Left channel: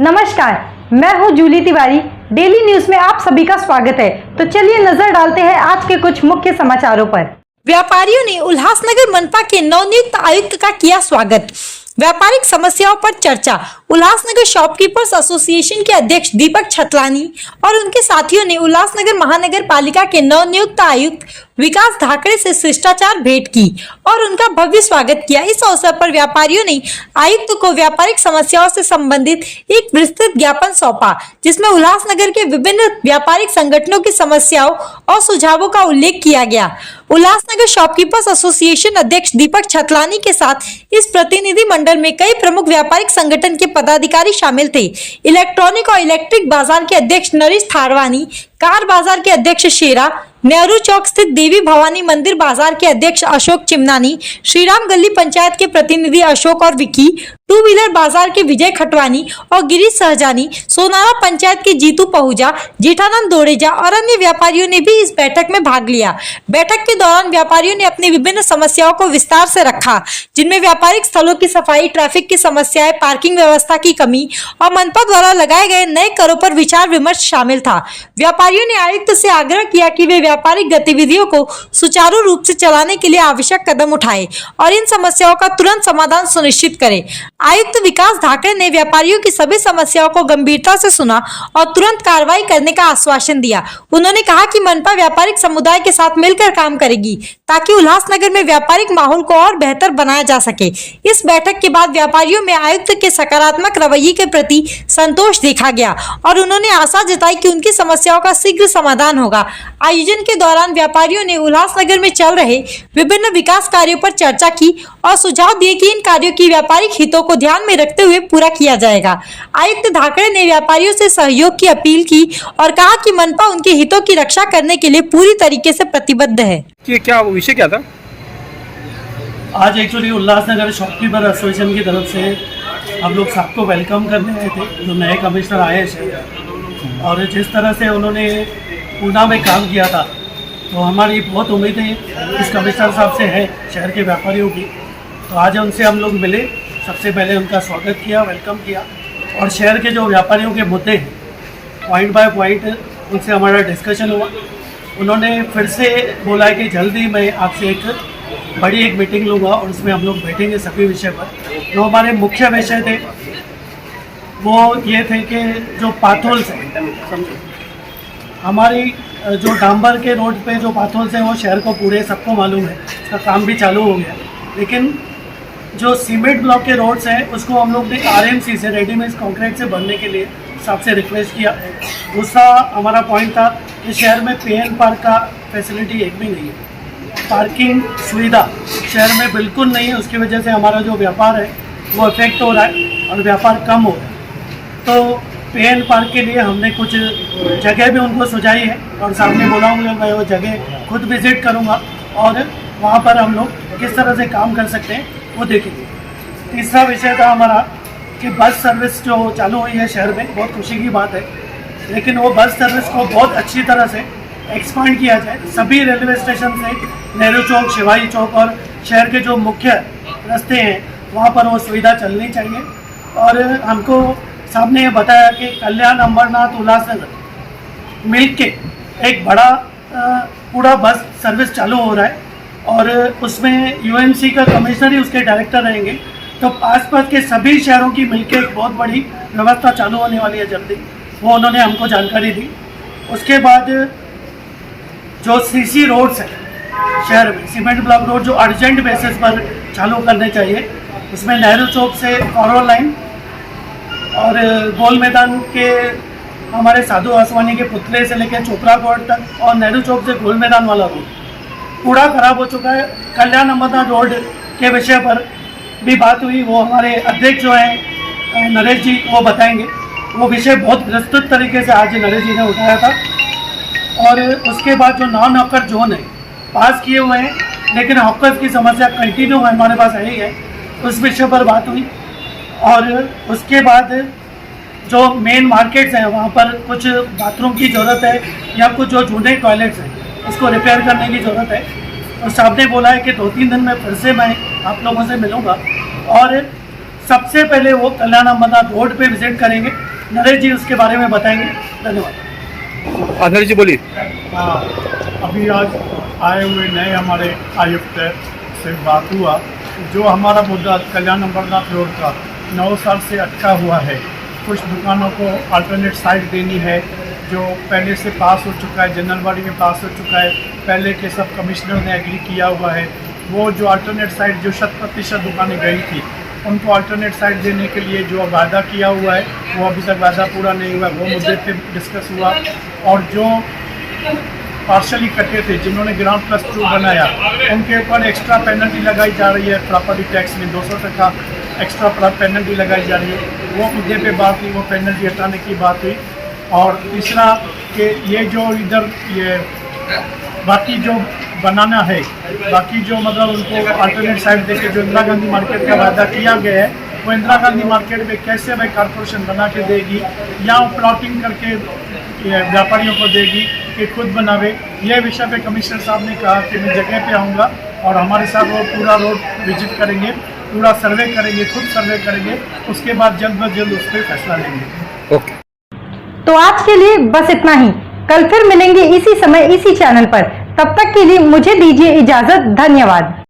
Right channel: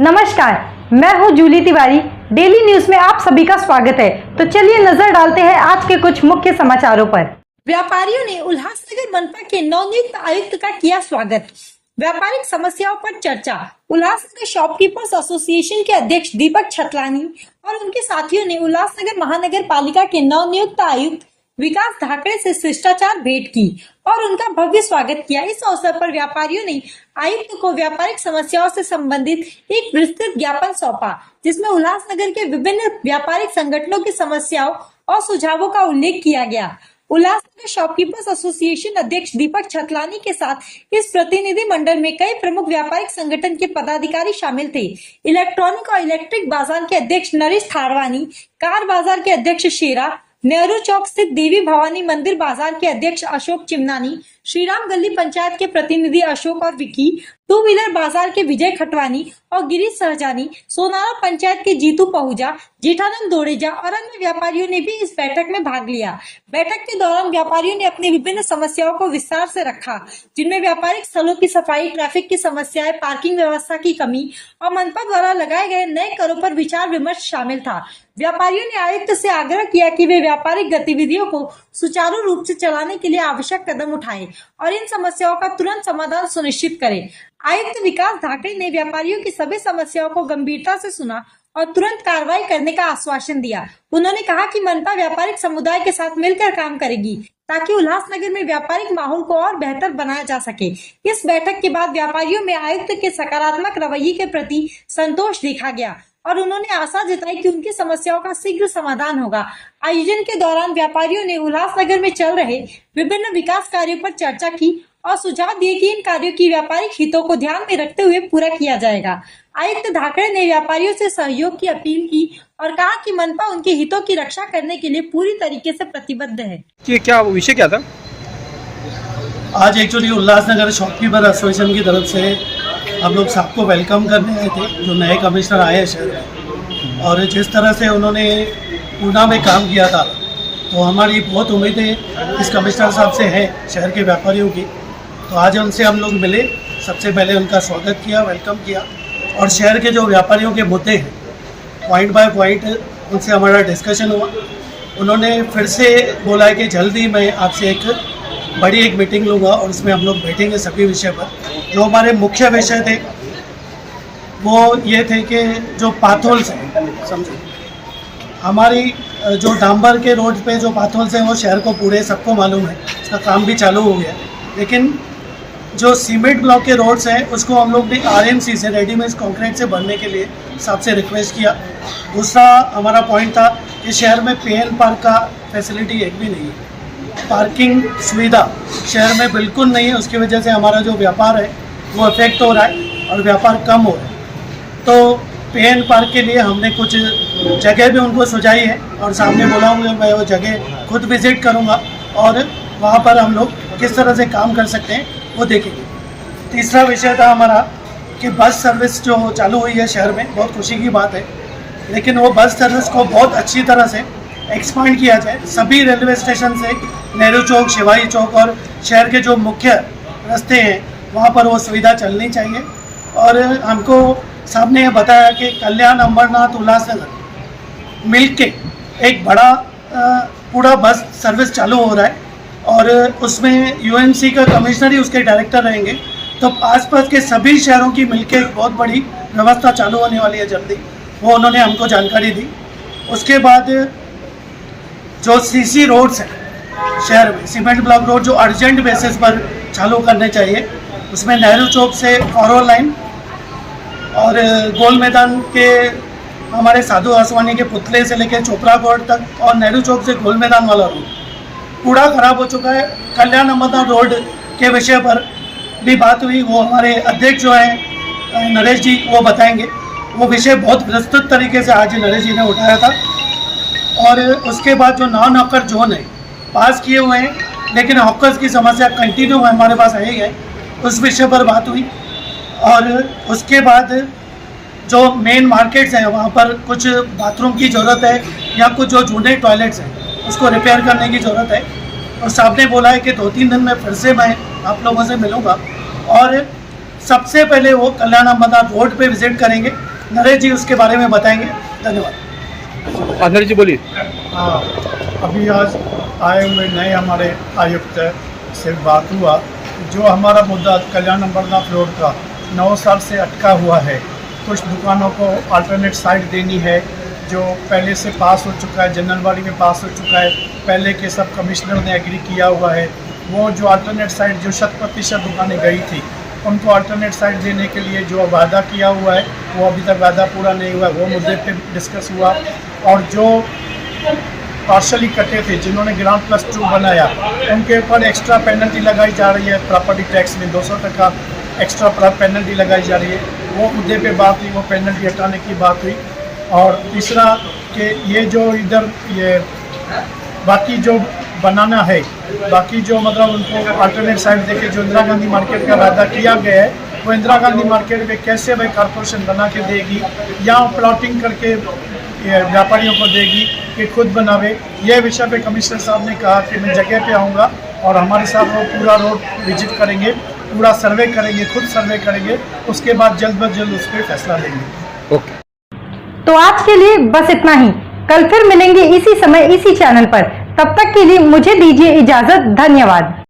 नमस्कार, मैं हूं जूली तिवारी। डेली न्यूज में आप सभी का स्वागत है। तो चलिए नजर डालते हैं आज के कुछ मुख्य समाचारों पर। व्यापारियों ने उल्लासनगर मनपा के नवनियुक्त आयुक्त का किया स्वागत। व्यापारिक समस्याओं पर चर्चा। उल्लासनगर शॉपकीपर्स एसोसिएशन के अध्यक्ष दीपक छतलानी और उनके साथियों ने उल्लासनगर महानगर पालिका के नवनियुक्त आयुक्त विकास धाकड़े से शिष्टाचार भेंट की और उनका भव्य स्वागत किया। इस अवसर पर व्यापारियों ने आयुक्त को व्यापारिक समस्याओं से संबंधित एक विस्तृत ज्ञापन सौंपा, जिसमें उल्लासनगर के विभिन्न व्यापारिक संगठनों की समस्याओं और सुझावों का उल्लेख किया गया। उल्लासनगर शॉपकीपर्स एसोसिएशन अध्यक्ष दीपक छतलानी के साथ इस प्रतिनिधि मंडल में कई प्रमुख व्यापारिक संगठन के पदाधिकारी शामिल थे। इलेक्ट्रॉनिक और इलेक्ट्रिक बाजार के अध्यक्ष नरेश थारवानी, कार बाजार के अध्यक्ष शेरा, नेहरू चौक स्थित देवी भवानी मंदिर बाजार के अध्यक्ष अशोक चिमनानी, श्रीराम गली पंचायत के प्रतिनिधि अशोक और विकी, टू व्हीलर बाजार के विजय खटवानी और गिरीश सहजानी, सोनारा पंचायत के जीतू पहुजा, जेठानंद दोड़ेजा और अन्य व्यापारियों ने भी इस बैठक में भाग लिया। बैठक के दौरान व्यापारियों ने अपनी विभिन्न समस्याओं को विस्तार से रखा, जिनमें व्यापारिक स्थलों की सफाई, ट्रैफिक की समस्याएं, पार्किंग व्यवस्था की कमी और मनपा द्वारा लगाए गए नए करों पर विचार विमर्श शामिल था। व्यापारियों ने आयुक्त से आग्रह किया कि वे व्यापारिक गतिविधियों को सुचारू रूप से चलाने के लिए आवश्यक कदम उठाएं और इन समस्याओं का तुरंत समाधान सुनिश्चित करें। आयुक्त विकास धाकड़े ने व्यापारियों की सभी समस्याओं को गंभीरता से सुना और तुरंत कार्रवाई करने का आश्वासन दिया। उन्होंने कहा कि मनपा व्यापारिक समुदाय के साथ मिलकर काम करेगी ताकि उल्लासनगर में व्यापारिक माहौल को और बेहतर बनाया जा सके। इस बैठक के बाद व्यापारियों में आयुक्त के सकारात्मक रवैये के प्रति संतोष देखा गया और उन्होंने आशा जताई कि उनकी समस्याओं का शीघ्र समाधान होगा। आयोजन के दौरान व्यापारियों ने उल्लासनगर में चल रहे विभिन्न विकास कार्यों पर चर्चा की और सुझाव दिए कि इन कार्यों की व्यापारिक हितों को ध्यान में रखते हुए पूरा किया जाएगा। आयुक्त धाकड़े ने व्यापारियों से सहयोग की अपील की और कहा कि मनपा उनके हितों की रक्षा करने के लिए पूरी तरीके से प्रतिबद्ध है। क्या विषय क्या था? आज एक्चुअली उल्लासनगर शॉपकीपर एसोसिएशन की तरफ से हम लोग सबको वेलकम करने आए थे, जो नए कमिश्नर आए हैं शहर में, और जिस तरह से उन्होंने पूना में काम किया था, तो हमारी बहुत उम्मीदें इस कमिश्नर साहब से है शहर के व्यापारियों की। तो आज उनसे हम लोग मिले, सबसे पहले उनका स्वागत किया, वेलकम किया और शहर के जो व्यापारियों के मुद्दे हैं पॉइंट बाय पॉइंट उनसे हमारा डिस्कशन हुआ। उन्होंने फिर से बोला है कि जल्दी मैं आपसे एक बड़ी मीटिंग लूँगा और उसमें हम लोग बैठेंगे सभी विषय पर। जो हमारे मुख्य विषय थे वो ये थे कि जो पाथोल्स हैं, समझो हमारी जो डांबर के रोड पे जो पाथोल्स हैं वो शहर को पूरे सबको मालूम है, उसका काम भी चालू हो गया। लेकिन जो सीमेंट ब्लॉक के रोड्स हैं उसको हम लोग ने आरएमसी से, रेडीमेड कंक्रीट से भरने के लिए सबसे रिक्वेस्ट किया। दूसरा हमारा पॉइंट था कि शहर में पेन पार्क का फैसिलिटी एक भी नहीं है, पार्किंग सुविधा शहर में बिल्कुल नहीं है। उसकी वजह से हमारा जो व्यापार है वो इफेक्ट हो रहा है और व्यापार कम हो रहा है। तो पेन पार्क के लिए हमने कुछ जगह भी उनको सुझाई है और सामने बोला हूँ मैं वो जगह खुद विजिट करूँगा और वहाँ पर हम लोग किस तरह से काम कर सकते हैं वो देखेंगे। तीसरा विषय था हमारा कि बस सर्विस जो चालू हुई है शहर में, बहुत खुशी की बात है, लेकिन वो बस सर्विस को बहुत अच्छी तरह से एक्सपांड किया जाए। सभी रेलवे स्टेशन से नेहरू चौक, शिवाजी चौक और शहर के जो मुख्य रास्ते हैं वहाँ पर वो सुविधा चलनी चाहिए। और हमको सामने ये बताया कि कल्याण, अंबरनाथ, उल्लासनगर मिल के एक बड़ा पूरा बस सर्विस चालू हो रहा है और उसमें यूएमसी का कमिश्नर ही उसके डायरेक्टर रहेंगे। तो आसपास के सभी शहरों की मिलके एक बहुत बड़ी व्यवस्था चालू होने वाली है जल्दी, वो उन्होंने हमको जानकारी दी। उसके बाद जो सीसी रोड्स हैं शहर में, सीमेंट ब्लॉक रोड जो अर्जेंट बेसिस पर चालू करने चाहिए, उसमें नेहरू चौक से फॉरवर्ड लाइन और गोल मैदान के हमारे साधु आसवानी के पुतले से लेकर चोपड़ा कोर्ट तक और नेहरू चौक से गोल मैदान वाला रोड पूरा खराब हो चुका है। कल्याण अंबरनाथ रोड के विषय पर भी बात हुई, वो हमारे अध्यक्ष जो हैं नरेश जी वो बताएंगे। वो विषय बहुत विस्तृत तरीके से आज नरेश जी ने उठाया था। और उसके बाद जो नॉन हॉकर जोन है पास किए हुए हैं, लेकिन हॉकर्स की समस्या कंटिन्यू हमारे पास है ही है, उस विषय पर बात हुई। और उसके बाद जो मेन मार्केट्स हैं वहाँ पर कुछ बाथरूम की ज़रूरत है या कुछ जो जूने टॉयलेट्स हैं उसको रिपेयर करने की ज़रूरत है। और साहब ने बोला है कि 2-3 दिन में फिर से मैं आप लोगों से मिलूँगा और सबसे पहले वो कल्याण अमरनाथ रोड पे विजिट करेंगे। नरेश जी उसके बारे में बताएंगे। धन्यवाद। नरेश जी बोलिए। हाँ, अभी आज आए हुए नए हमारे आयुक्त से बात हुआ। जो हमारा मुद्दा कल्याण अमरनाथ रोड का 9 साल से अटका हुआ है, कुछ दुकानों को अल्टरनेट साइड देनी है, जो पहले से पास हो चुका है, जनरलवाड़ी में पास हो चुका है, पहले के सब कमिश्नर ने एग्री किया हुआ है। वो जो अल्टरनेट साइड जो 100% दुकानें गई थी, उनको अल्टरनेट साइड देने के लिए जो वादा किया हुआ है वो अभी तक वादा पूरा नहीं हुआ, वो मुद्दे पे डिस्कस हुआ। और जो पार्शली कटे थे, जिन्होंने ग्राउंड प्लस 2 बनाया, उनके ऊपर एक्स्ट्रा पेनल्टी लगाई जा रही है। प्रॉपर्टी टैक्स में 200% एक्स्ट्रा पेनल्टी लगाई जा रही है। वो मुद्दे पे बात हुई, वो पेनल्टी हटाने की बात हुई। और तीसरा कि ये जो इधर ये बाकी जो बनाना है, बाकी जो मतलब उनको अल्टरनेट साइड देके जो इंदिरा गांधी मार्केट का वादा किया गया है, वो इंदिरा गांधी मार्केट में कैसे भाई कॉरपोरेशन बना के देगी या वो प्लॉटिंग करके व्यापारियों को देगी कि खुद बनावे। यह विषय पे कमिश्नर साहब ने कहा कि मैं जगह पे आऊँगा और हमारे साथ वो पूरा रोड विजिट करेंगे, पूरा सर्वे करेंगे, खुद सर्वे करेंगे। उसके बाद जल्द ब जल्द उस पर फैसला लेंगे। ओके। तो आज के लिए बस इतना ही। कल फिर मिलेंगे इसी समय इसी चैनल पर। तब तक के लिए मुझे दीजिए इजाजत। धन्यवाद।